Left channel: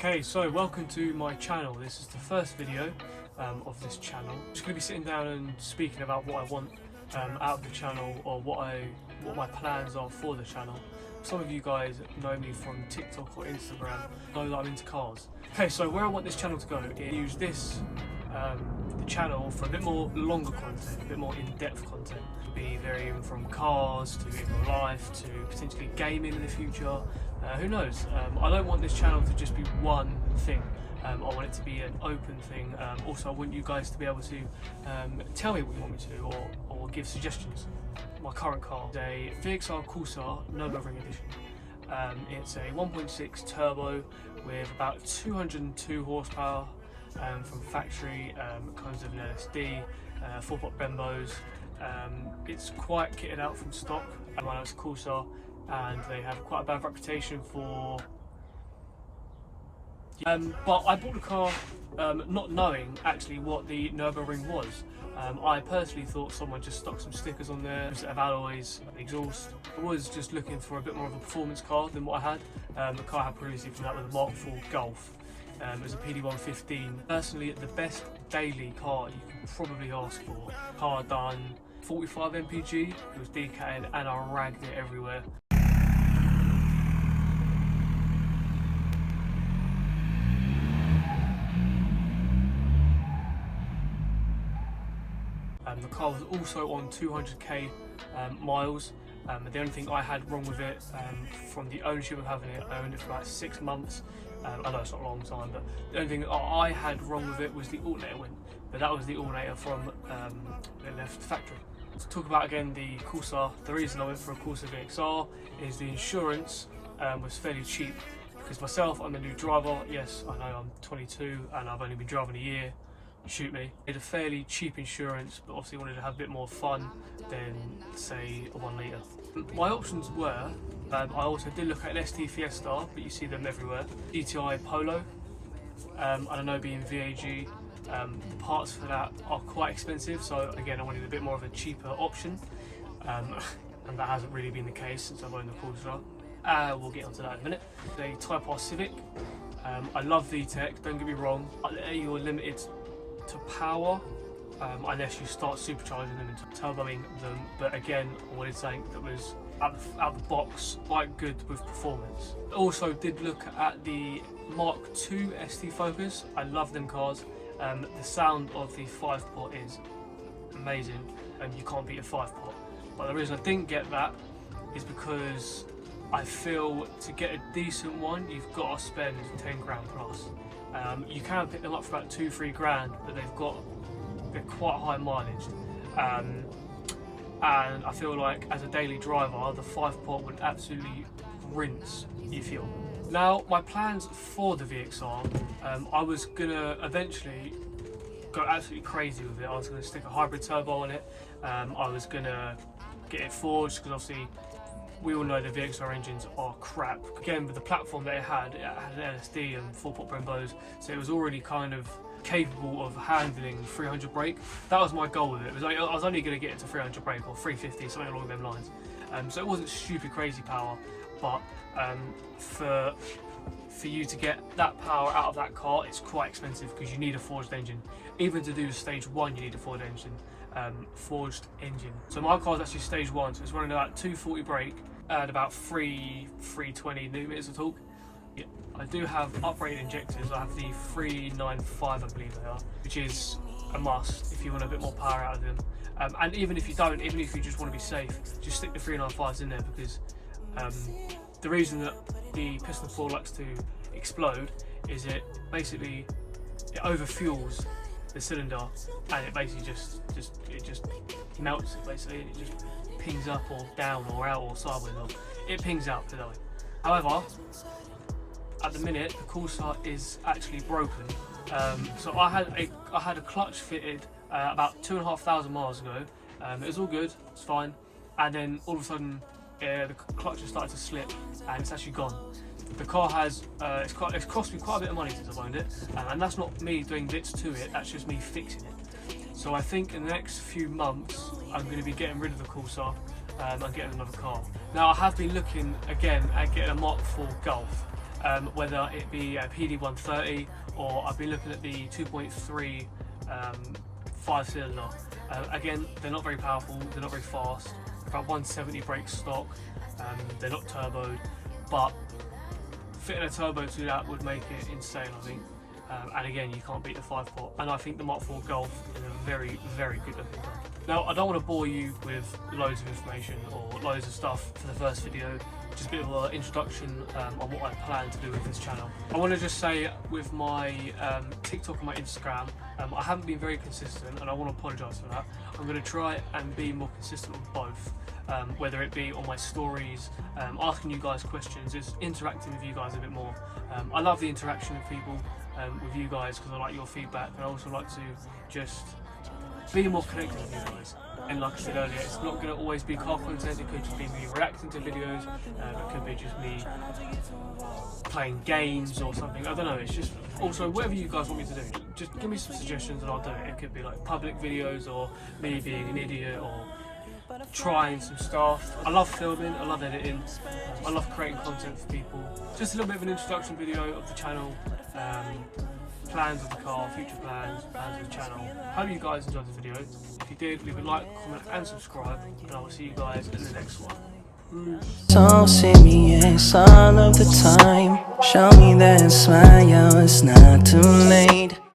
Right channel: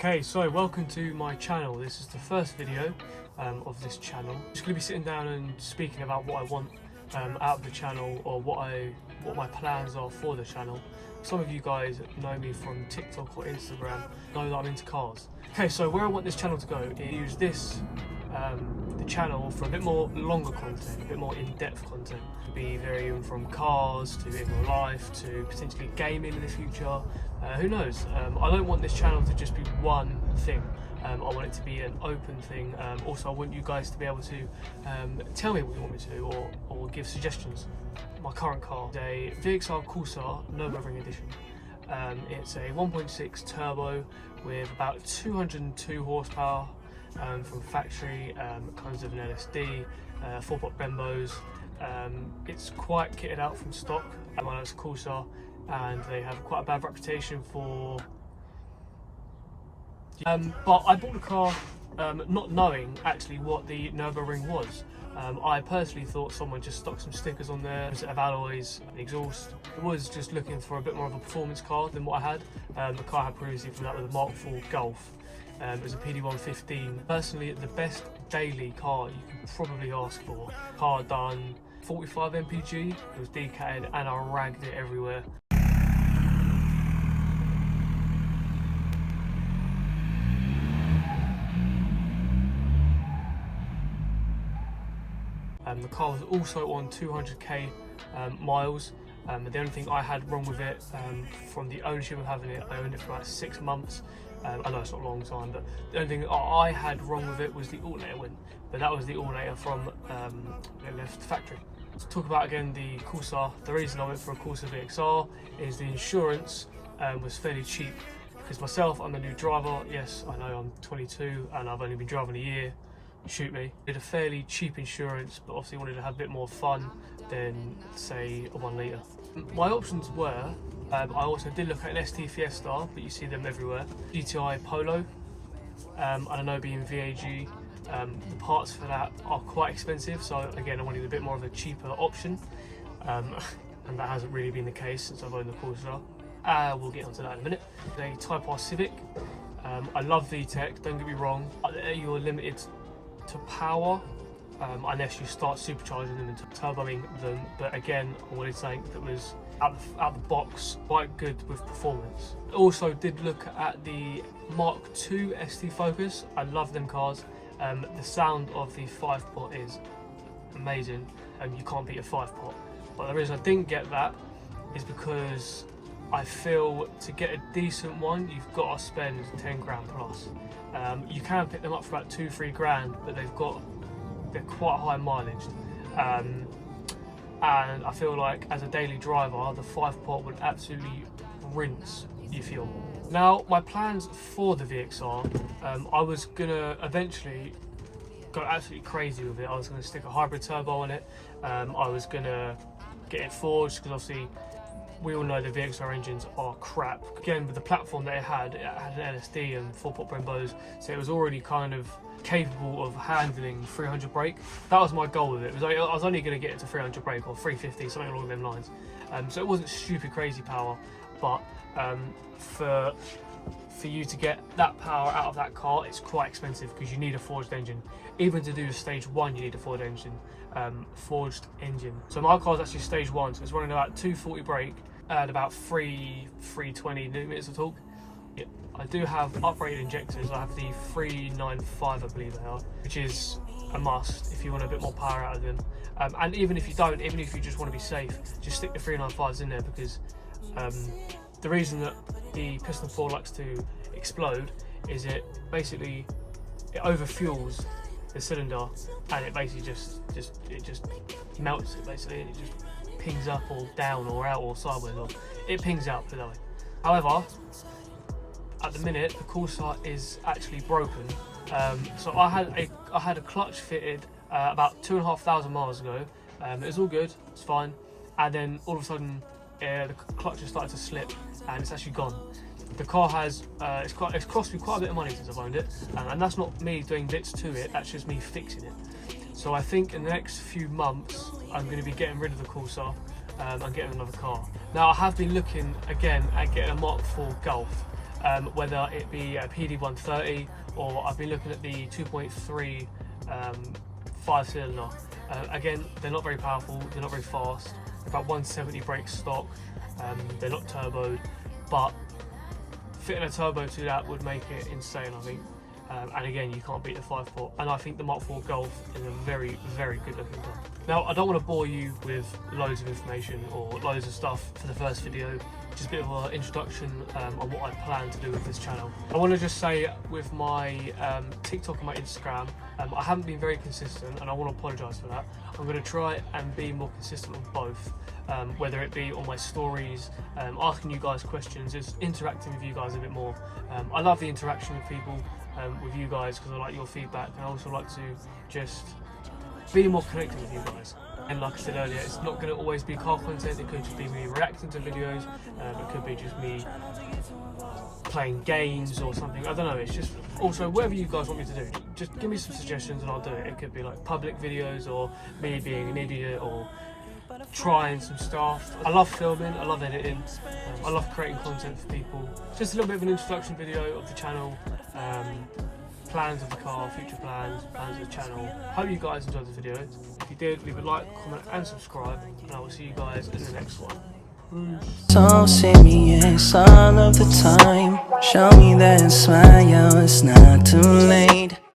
Okay, so welcome to my channel. This is the first video of this channel. I'm just going to be sitting down and speaking about what I want out of the channel, or what my plans are for the channel. Some of you guys know me from TikTok or Instagram, know that I'm into cars. Okay, so where I want this channel to go is use this the channel for a bit more longer content, a bit more in-depth content. It'll be varying from cars to in real life to potentially gaming in the future. Who knows? I don't want this channel to just be one thing. I want it to be an open thing. Also, I want you guys to be able to tell me what you want me to, or give suggestions. My current car is a VXR Corsa Nürburgring Edition. It's a 1.6 turbo with about 202 horsepower from factory. Comes with an LSD, 4-pot Brembos. It's quite kitted out from stock. I know it's Corsa, and they have quite a bad reputation for. But I bought the car not knowing actually what the Nürburgring was. I personally thought someone just stuck some stickers on there, a set of alloys, exhaust. I was just looking for a bit more of a performance car than what I had. The car I had previously come out with a Mark IV Golf. It was a PD115. Personally, the best daily car you can probably ask for. Car done 45 mpg, it was decatted and I ragged it everywhere. The car was also on 200k miles. The only thing I had wrong with it, from the ownership of having it, I owned it for about 6 months. I know it's not a long time, but the only thing I had wrong with it was the alternator went. But that was the alternator from the left factory. To talk about again the Corsa, the reason I went for a Corsa VXR is the insurance was fairly cheap. Because myself, I'm a new driver. Yes, I know I'm 22 and I've only been driving a year. Shoot me. It's a fairly cheap insurance, but obviously wanted to have a bit more fun than say a 1 litre. My options were, I also did look at an ST Fiesta, but you see them everywhere. GTI Polo, I know being VAG, the parts for that are quite expensive, so again I wanted a bit more of a cheaper option, and that hasn't really been the case since I've owned the Corsa. We'll get onto that in a minute. The Type R Civic, I love VTEC, don't get me wrong, you're limited to power unless you start supercharging them and turboing them, but again I wanted something that was out the box quite good with performance. Also did look at the Mark II ST Focus. I love them cars. The sound of the 5-pot is amazing, and you can't beat a 5-pot. But the reason I didn't get that is because I feel to get a decent one you've got to spend 10 grand plus. You can pick them up for about 2-3 grand, but they're quite high mileage, and I feel like as a daily driver the 5-pot would absolutely rinse your fuel. Now my plans for the VXR, I was gonna eventually go absolutely crazy with it. I was gonna stick a hybrid turbo on it. I was gonna get it forged, because obviously we all know the VXR engines are crap. Again, with the platform that it had an LSD and 4-pot Brembos, so it was already kind of capable of handling 300 brake. That was my goal with it. I was only going to get it to 300 brake or 350, something along them lines. So it wasn't stupid crazy power, but for you to get that power out of that car, it's quite expensive because you need a forged engine. Even to do stage 1, you need a forged engine. So my car is actually stage 1, so it's running about 240 brake and about 320 newton-meters of torque. Yeah, I do have uprated injectors. I have the 395, I believe they are, which is a must if you want a bit more power out of them. And even if you don't, even if you just want to be safe, just stick the 395s in there, because the reason that the piston four likes to explode is it overfuels the cylinder, and it basically just melts it basically, and it just pings up or down or out or sideways, or it pings out the way. However, at the minute the Corsa is actually broken. So I had a clutch fitted about 2,500 miles ago. It was all good, it's fine, and then all of a sudden the clutch has started to slip and it's actually gone. The car has, it's cost me quite a bit of money since I've owned it, and that's not me doing bits to it, that's just me fixing it. So I think in the next few months I'm going to be getting rid of the Corsa and getting another car. Now I have been looking again at getting a Mark IV Golf. whether it be a PD130 or I've been looking at the 2.3 5-cylinder. Again, they're not very powerful, they're not very fast, about 170 brake stock, they're not turboed, but fitting a turbo to that would make it insane, I think. And again, you can't beat the 5-port, and I think the Mark IV Golf is a very, very good looking car. Now, I don't want to bore you with loads of information or loads of stuff for the first video, just a bit of an introduction on what I plan to do with this channel. I want to just say with my TikTok and my Instagram, I haven't been very consistent, and I want to apologise for that. I'm going to try and be more consistent on both, whether it be on my stories, asking you guys questions, just interacting with you guys a bit more. I love the interaction with people, with you guys, because I like your feedback, and I also like to just be more connected with you guys. And like I said earlier, it's not going to always be car content, it could just be me reacting to videos, it could be just me playing games or something, I don't know. It's just also whatever you guys want me to do, just give me some suggestions and I'll do it. It could be like public videos, or me being an idiot, or trying some stuff. I love filming, I love editing, I love creating content for people. Just a little bit of an introduction video of the channel, plans of the car, future plans of the channel. Hope you guys enjoyed the video. If you did, leave a like, comment and subscribe, and I will see you guys in the next one. So serious all of the time. Show me that smile, it's not too late.